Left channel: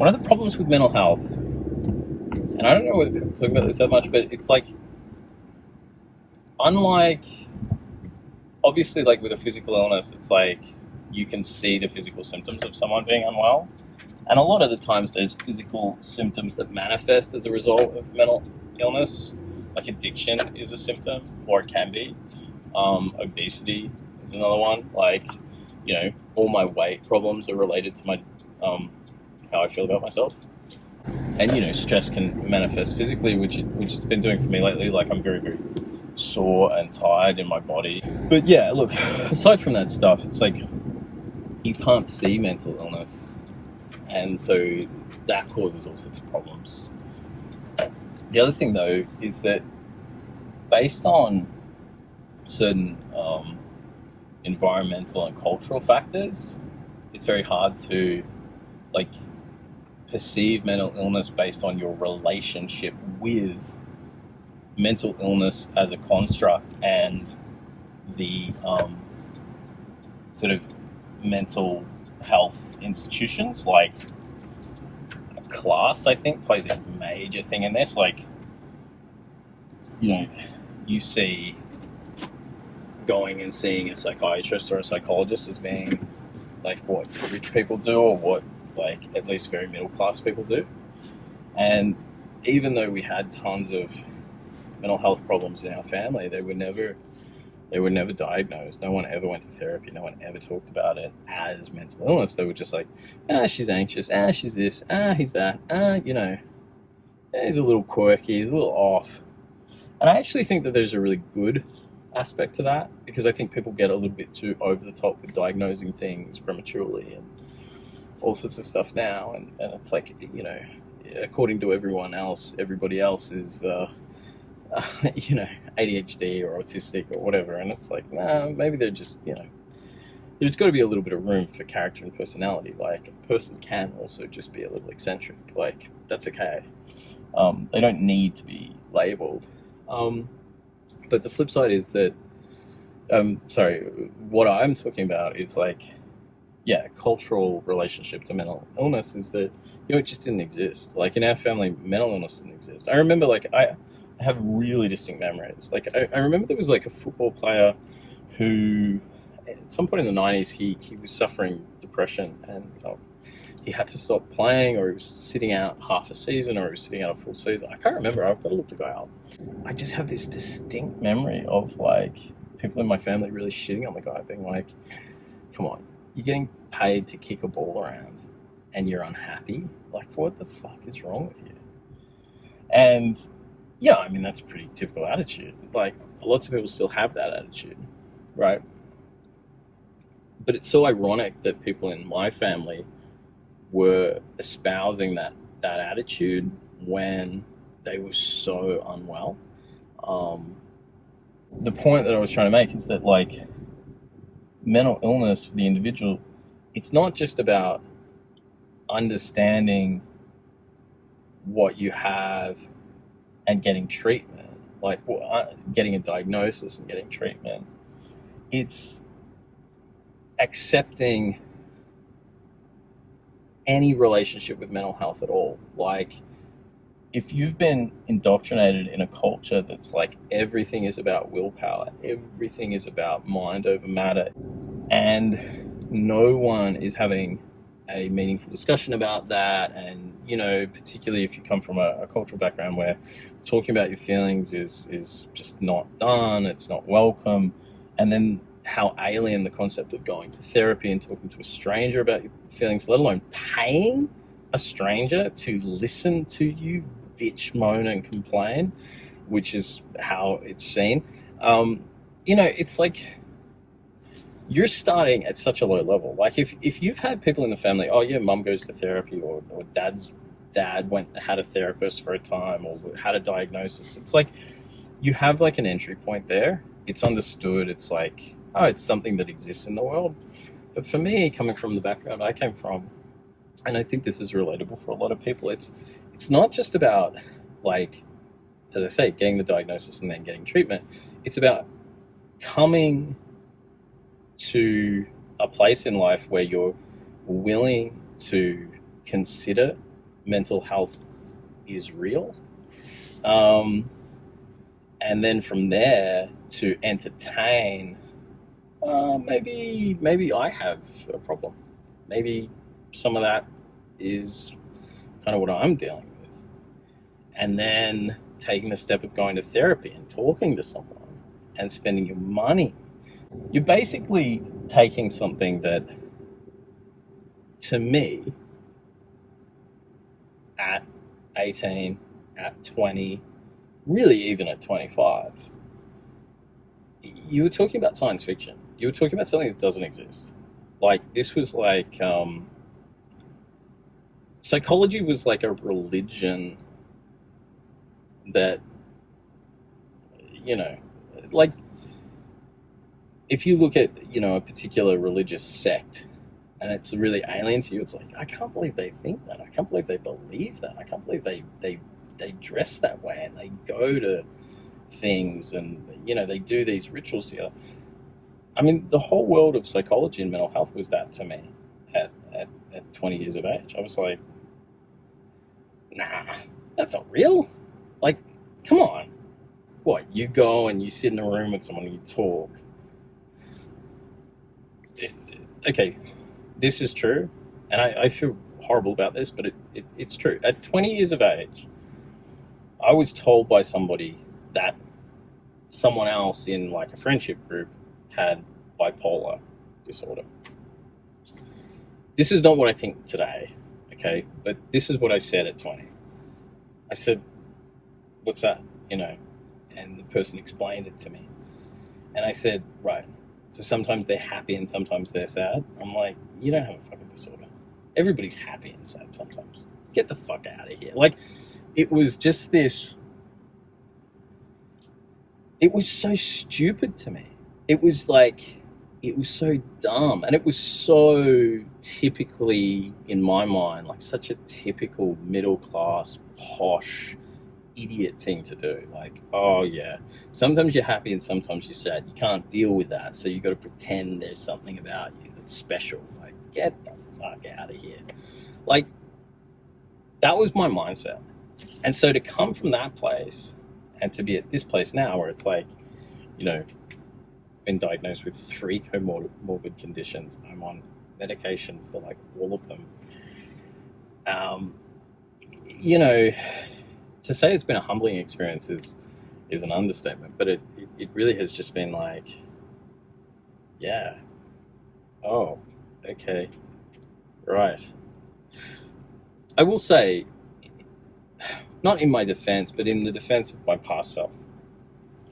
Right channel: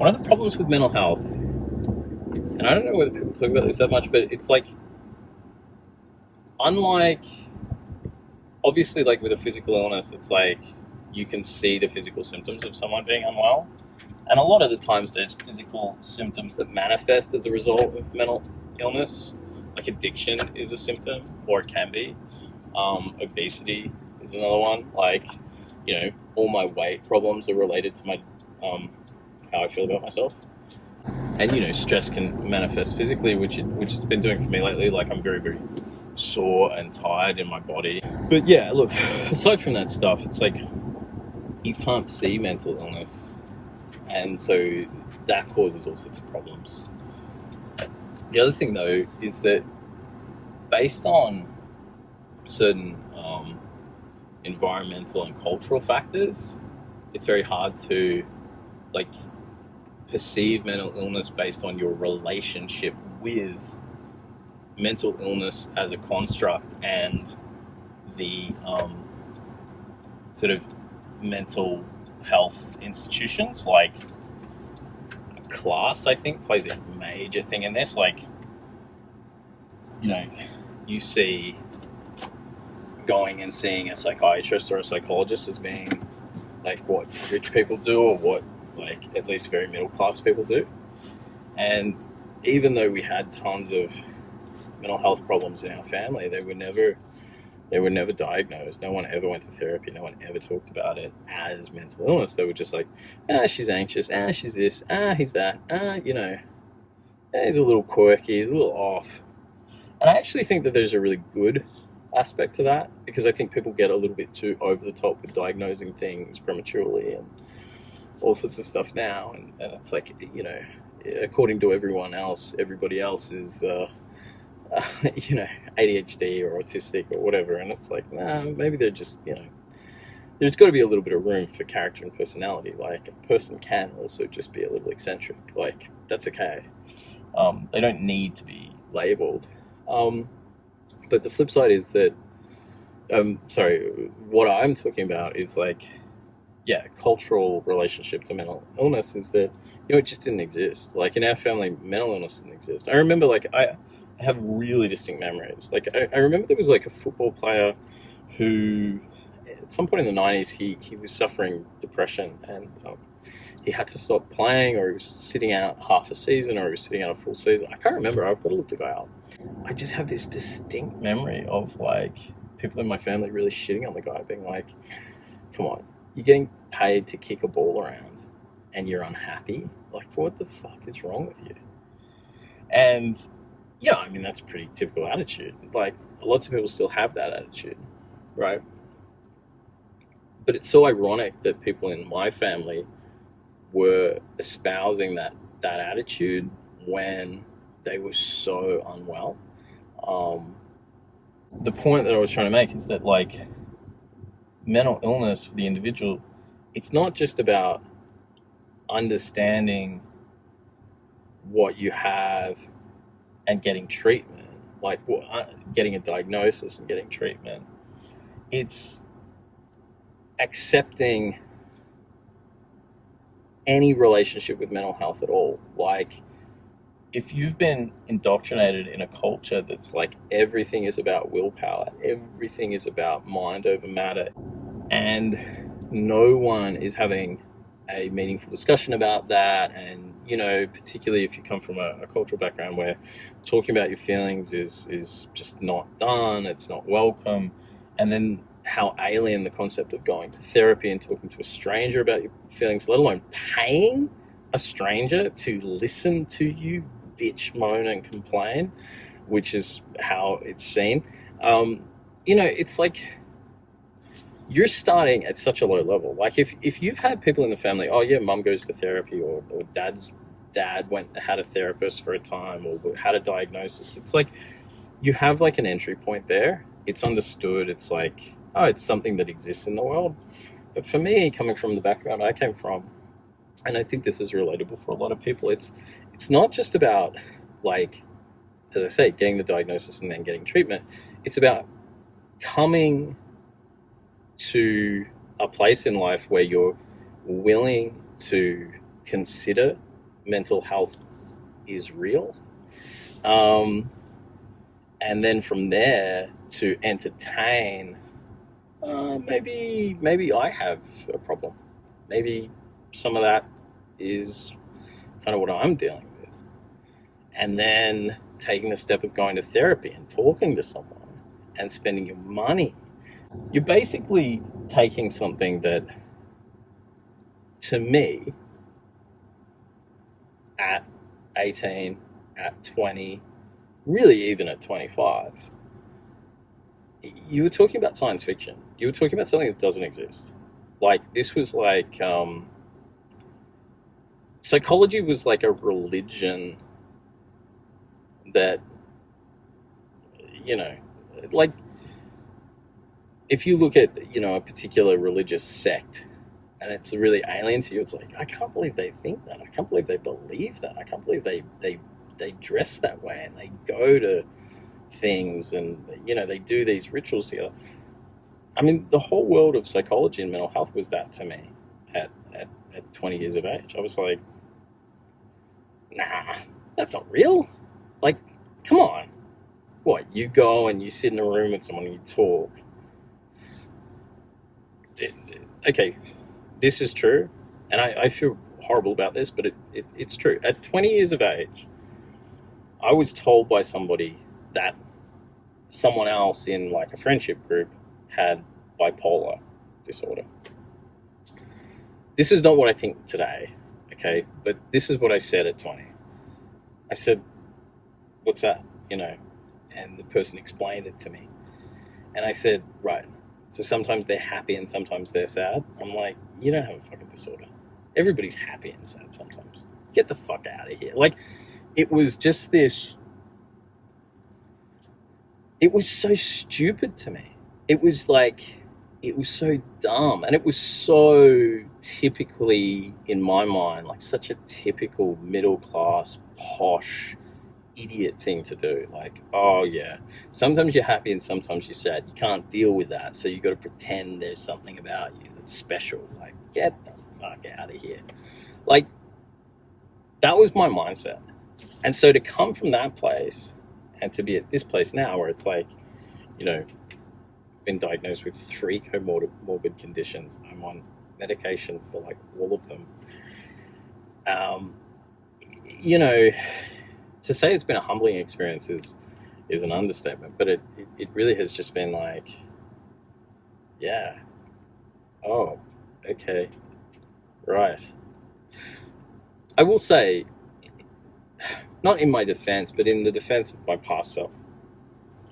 one of the problems with mental health, and I don't know whether people talk about this that much, but it's like, unlike, obviously, like with a physical illness, it's like you can see the physical symptoms of someone being unwell. And a lot of the times there's physical symptoms that manifest as a result of mental illness. Like addiction is a symptom, or it can be. Obesity is another one. Like, all my weight problems are related to my how I feel about myself. And stress can manifest physically, which it's been doing for me lately. Like I'm very, very sore and tired in my body. But yeah, look, aside from that stuff, it's like you can't see mental illness, and so that causes all sorts of problems. The other thing, though, is that based on certain environmental and cultural factors, it's very hard to like perceive mental illness based on your relationship with mental illness as a construct and the sort of mental health institutions. Like class, I think, plays a major thing in this. Like, you see going and seeing a psychiatrist or a psychologist as being like what rich people do, or what like at least very middle class people do. And even though we had tons of mental health problems in our family, they were never diagnosed. No one ever went to therapy. No one ever talked about it as mental illness. They were just like, she's anxious. She's this. He's that. He's a little quirky. He's a little off. And I actually think that there's a really good aspect to that, because I think people get a little bit too over the top with diagnosing things prematurely and all sorts of stuff now. And it's like, according to everybody else is, ADHD or autistic or whatever. And it's like, maybe they're just, there's got to be a little bit of room for character and personality. Like a person can also just be a little eccentric. Like that's okay. They don't need to be labeled. But the flip side is that, what I'm talking about is like, cultural relationship to mental illness is that, it just didn't exist. Like in our family, mental illness didn't exist. I remember I have really distinct memories. Like I remember there was like a football player who at some point in the 90s, he was suffering depression, and he had to stop playing, or he was sitting out half a season, or he was sitting out a full season. I can't remember. I've got to look the guy up. I just have this distinct memory of like people in my family really shitting on the guy, being like, come on, you're getting paid to kick a ball around and you're unhappy? Like, what the fuck is wrong with you? And I mean, that's a pretty typical attitude. Like, lots of people still have that attitude, right? But it's so ironic that people in my family were espousing that attitude when they were so unwell. The point that I was trying to make is that, like, mental illness for the individual, it's not just about understanding what you have and getting treatment, like getting a diagnosis and getting treatment. It's accepting any relationship with mental health at all. Like, if you've been indoctrinated in a culture that's like everything is about willpower, everything is about mind over matter, and no one is having a meaningful discussion about that, and particularly if you come from a cultural background where talking about your feelings is just not done, it's not welcome, and then how alien the concept of going to therapy and talking to a stranger about your feelings, let alone paying a stranger to listen to you bitch, moan, and complain, which is how it's seen. It's like you're starting at such a low level. Like if you've had people in the family, mum goes to therapy, or dad's dad had a therapist for a time, or had a diagnosis. It's like you have like an entry point there. It's understood. It's like, it's something that exists in the world. But for me, coming from the background I came from, and I think this is relatable for a lot of people, it's not just about, like, as I say, getting the diagnosis and then getting treatment. It's about coming to a place in life where you're willing to consider mental health is real. Um, and then from there to entertain, maybe I have a problem. Maybe some of that is kind of what I'm dealing with. And then taking the step of going to therapy and talking to someone and spending your money. You're basically taking something that, to me, at 18, at 20, really even at 25, you were talking about science fiction. You were talking about something that doesn't exist. Like, this was like, psychology was like a religion that, you know, like, if you look at, a particular religious sect and it's really alien to you, it's like, I can't believe they think that. I can't believe they believe that. I can't believe they dress that way and they go to things and, they do these rituals together. I mean, the whole world of psychology and mental health was that to me at 20 years of age. I was like, nah, that's not real. Like, come on. What, you go and you sit in a room with someone and you talk. Okay, this is true, and I feel horrible about this, but it's true. At 20 years of age, I was told by somebody that someone else in like a friendship group had bipolar disorder. This is not what I think today, okay? But this is what I said at 20. I said, what's that? And the person explained it to me. And I said, right, so sometimes they're happy and sometimes they're sad. I'm like, you don't have a fucking disorder. Everybody's happy and sad sometimes. Get the fuck out of here. Like, it was just this, it was so stupid to me. It was so dumb. And it was so typically, in my mind, like such a typical middle class, posh, idiot thing to do. Like, oh yeah, sometimes you're happy and sometimes you're sad. You can't deal with that, so you got to pretend there's something about you that's special. Like, get the fuck out of here. Like, that was my mindset. And so to come from that place and to be at this place now where it's like, been diagnosed with 3 comorbid conditions. I'm on medication for like all of them. To say it's been a humbling experience is an understatement, but it really has just been like, yeah, oh, okay, right. I will say, not in my defense, but in the defense of my past self,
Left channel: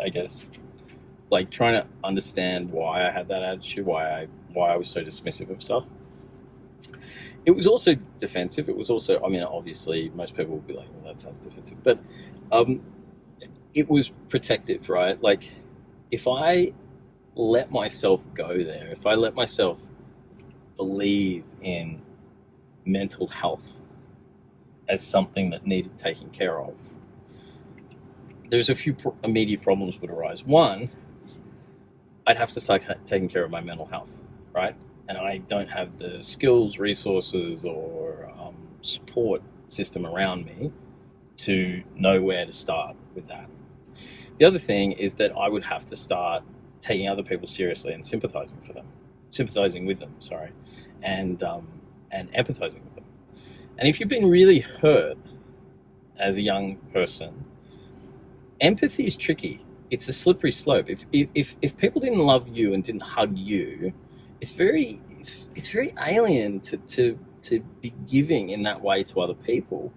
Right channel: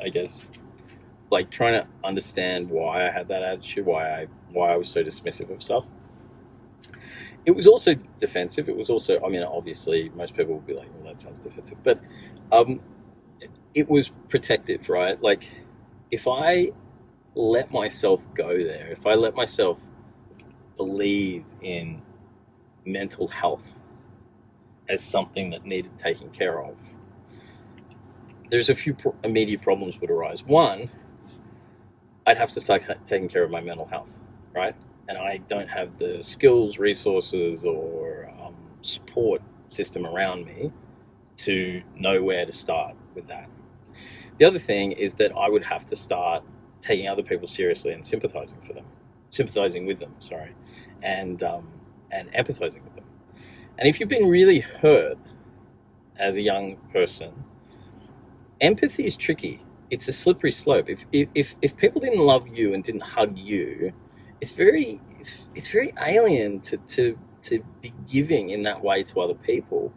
I guess, like trying to understand why I had that attitude, why I was so dismissive of stuff. It was also defensive. It was also, obviously most people would be like, well, that sounds defensive, but it was protective, right? Like, if I let myself go there, if I let myself believe in mental health as something that needed taking care of, there's a few immediate problems would arise. One, I'd have to start taking care of my mental health, right? And I don't have the skills, resources, or support system around me to know where to start with that. The other thing is that I would have to start taking other people seriously and sympathizing with them, and empathizing with them. And if you've been really hurt as a young person, empathy is tricky. It's a slippery slope. If people didn't love you and didn't hug you, it's very alien to be giving in that way to other people.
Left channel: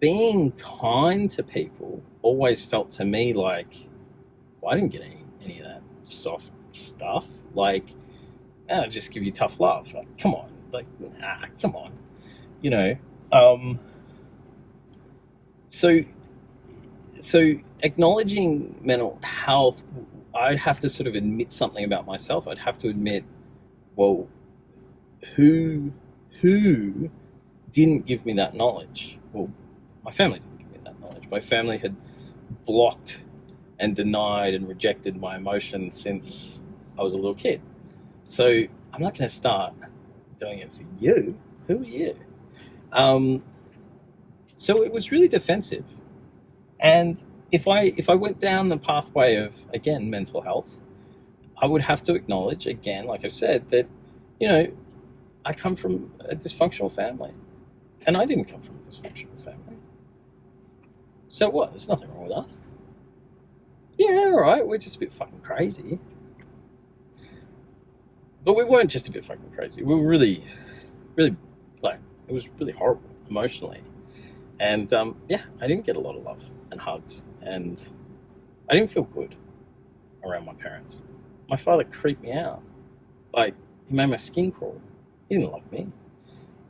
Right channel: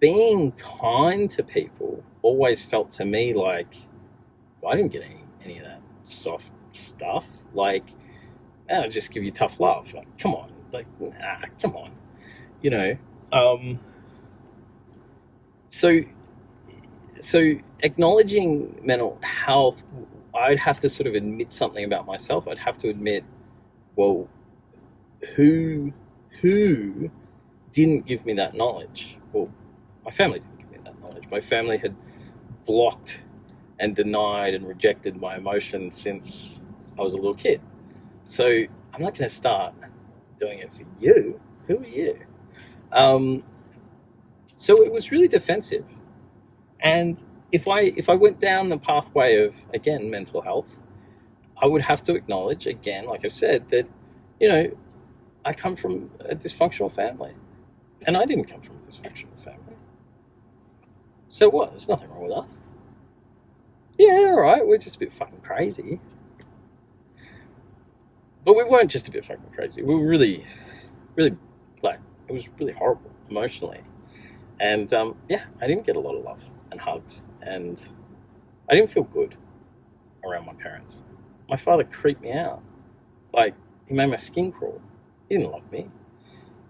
Being kind to people always felt to me like, well, I didn't get any of that soft stuff. Like, I'll just give you tough love. Like, come on. Like, come on. So acknowledging mental health, I'd have to sort of admit something about myself. I'd have to admit, well, who didn't give me that knowledge? Well, my family didn't give me that knowledge. My family had blocked and denied and rejected my emotions since I was a little kid. So I'm not going to start doing it for you. Who are you? So it was really defensive. And if I went down the pathway of, again, mental health, I would have to acknowledge, again, like I said, that, you know, I come from a dysfunctional family. And I didn't come from a dysfunctional family. So what? There's nothing wrong with us. Yeah, all right, we're just a bit fucking crazy. But we weren't just a bit fucking crazy. We were really, really, like, it was really horrible emotionally. And yeah, I didn't get a lot of love and hugs. And I didn't feel good around my parents. My father creeped me out. Like, he made my skin crawl. He didn't love me.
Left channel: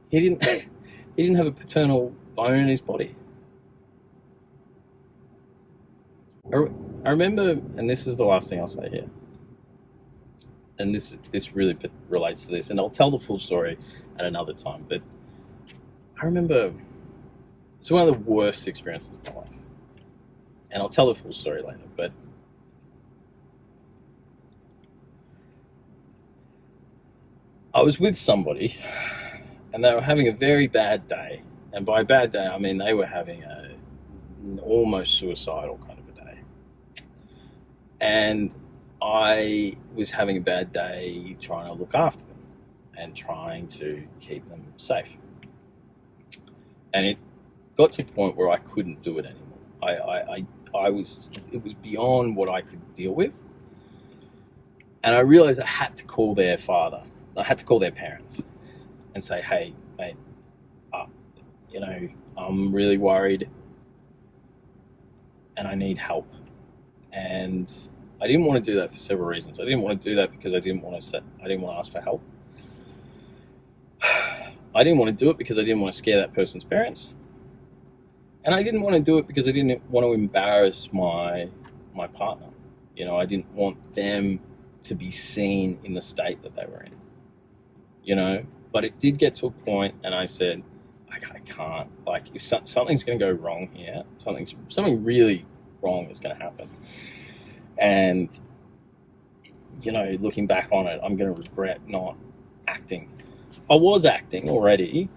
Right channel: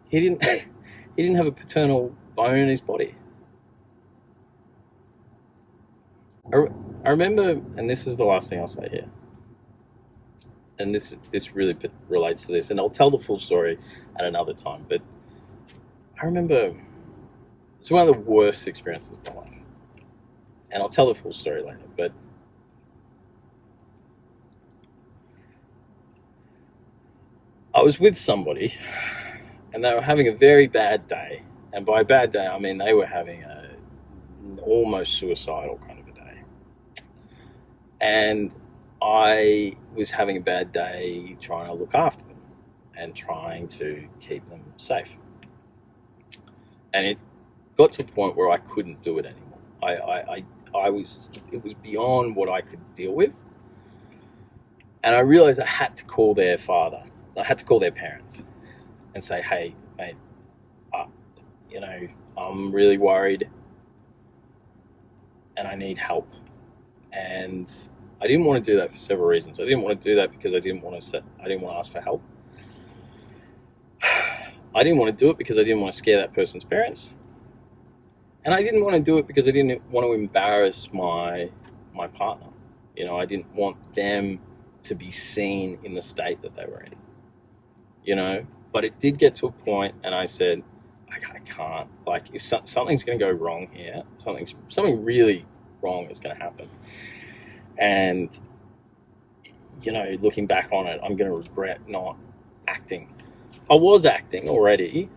He didn't he didn't have a paternal bone in his body. I remember, and this is the last thing I'll say here, and this really relates to this, and I'll tell the full story at another time, but I remember it's one of the worst experiences of my life, and I'll tell the full story later, but I was with somebody, and they were having a very bad day, and by bad day, I mean they were having an almost suicidal kind of a day, and I was having a bad day trying to look after them and trying to keep them safe. And it got to a point where I couldn't do it anymore. It was beyond what I could deal with. And I realized I had to call their father. I had to call their parents and say, hey, mate, you know, I'm really worried and I need help. And I didn't want to do that for several reasons. I didn't want to do that because I didn't want to ask for help. I didn't want to do it because I didn't want to scare that person's parents. And I didn't want to do it because I didn't want to embarrass my partner. You know, I didn't want them to be seen in the state that they were in. You know, but it did get to a point, and I said, I can't. Like, if something's going to go wrong here, something really wrong is going to happen. And, you know, looking back on it, I'm going to regret not acting. I was acting already,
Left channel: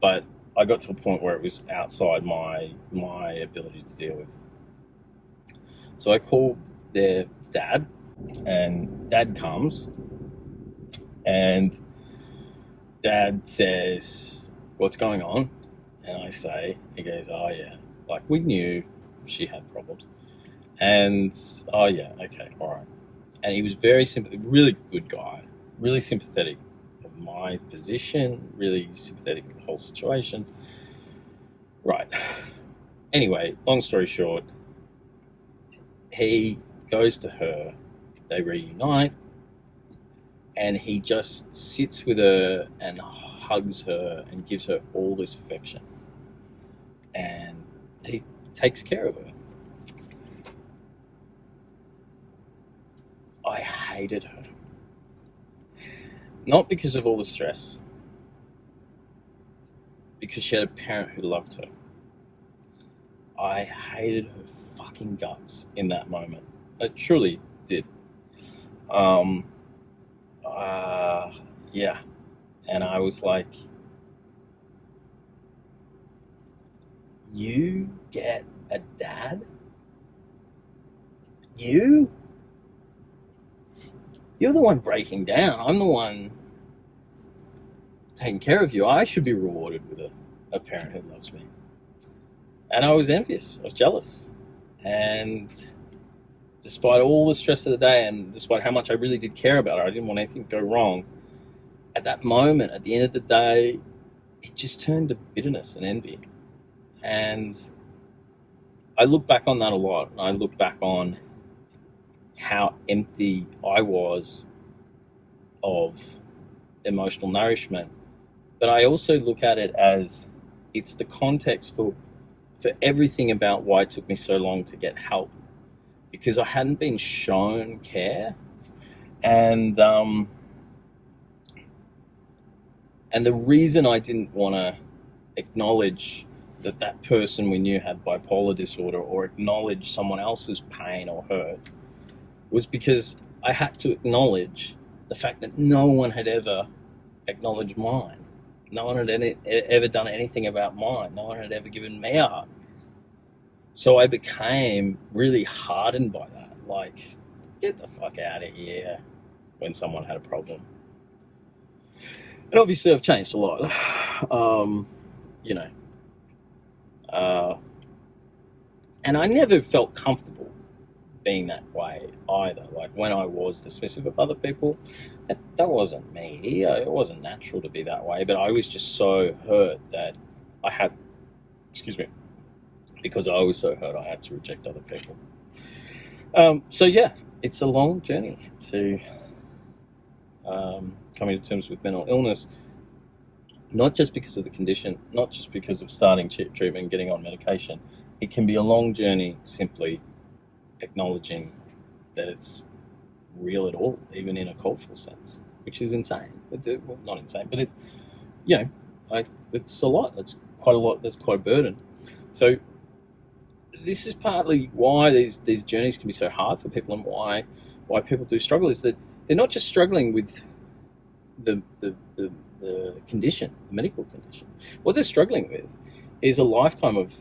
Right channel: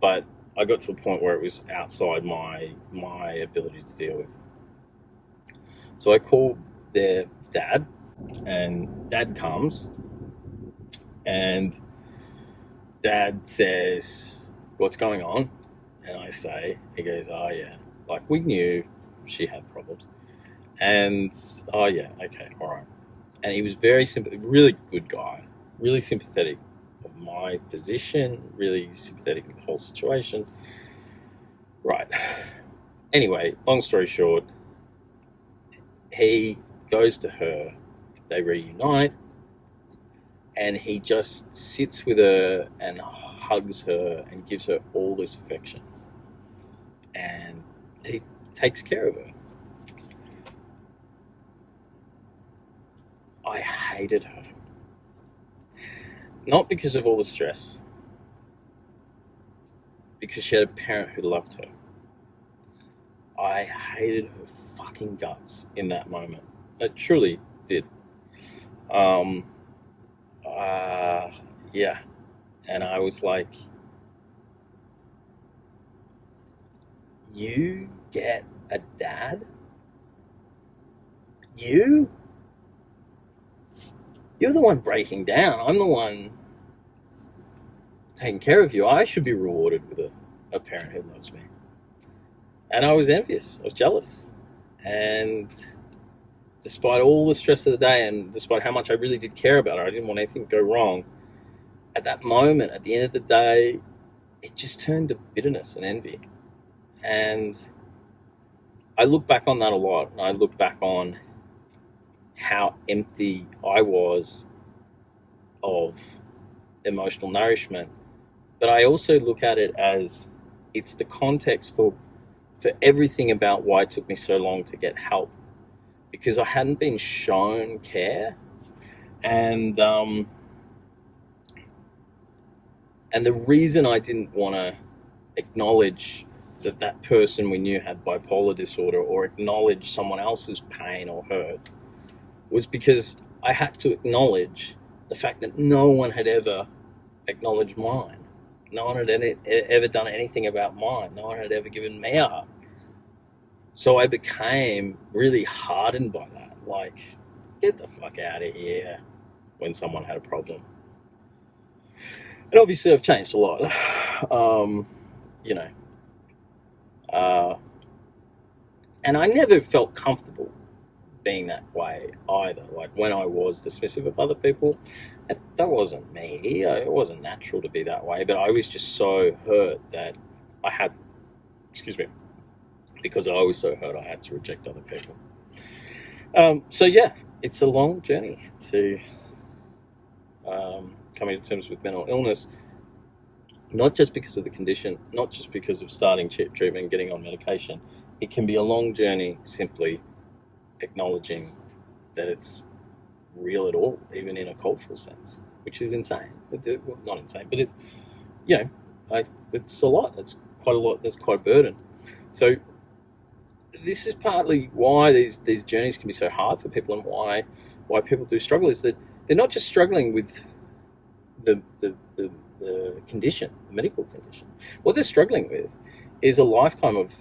but I got to a point where it was outside my ability to deal with. So I called their dad, and dad comes, and dad says, what's going on? And I say, he goes, oh yeah, like, we knew she had problems. And, oh yeah, okay, all right. And he was very really good guy, really sympathetic of my position, really sympathetic of the whole situation. Right. Anyway, long story short, he goes to her, they reunite, and he just sits with her and hugs her and gives her all this affection. And he takes care of her. I hated her. Not because of all the stress, because she had a parent who loved her. I hated her fucking guts in that moment. I truly did. Yeah. And I was like, you get a dad? You're the one breaking down. I'm the one taking care of you. I should be rewarded with a parent who loves me. And I was envious. I was jealous. And despite all the stress of the day, and despite how much I really did care about her, I didn't want anything to go wrong. At that moment, at the end of the day, it just turned to bitterness and envy. And I look back on that a lot. And I look back on how empty I was of emotional nourishment. But I also look at it as it's the context for everything about why it took me so long to get help. Because I hadn't been shown care. And the reason I didn't want to acknowledge that person we knew had bipolar disorder, or acknowledge someone else's pain or hurt, was because I had to acknowledge the fact that no one had ever acknowledged mine. No one had ever done anything about mine. No one had ever given me a hug. So I became really hardened by that. Like, get the fuck out of here when someone had a problem. And obviously, I've changed a lot. You know, and I never felt comfortable being that way either. Like when I was dismissive of other people, that wasn't me. It wasn't natural to be that way. But I was just so hurt that I had, excuse me, because I was so hurt, I had to reject other people. So yeah, it's a long journey to coming to terms with mental illness. Not just because of the condition, not just because of starting treatment and getting on medication. It can be a long journey simply acknowledging that it's real at all, even in a cultural sense, which is insane. It's well, not insane, but it's, you know, it's a lot. It's quite a lot. That's quite a burden. So this is partly why these journeys can be so hard for people, and why people do struggle, is that they're not just struggling with the condition, the medical condition. What they're struggling with is a lifetime of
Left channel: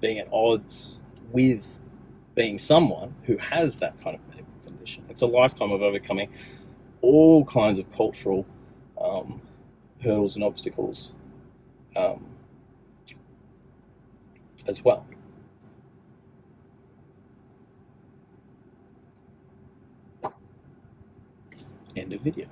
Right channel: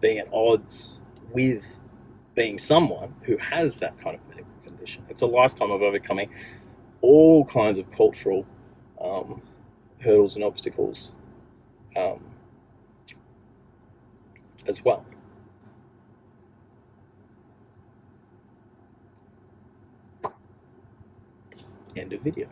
being at odds with being someone who has that kind of medical condition. It's a lifetime of overcoming all kinds of cultural hurdles and obstacles as well. End of video.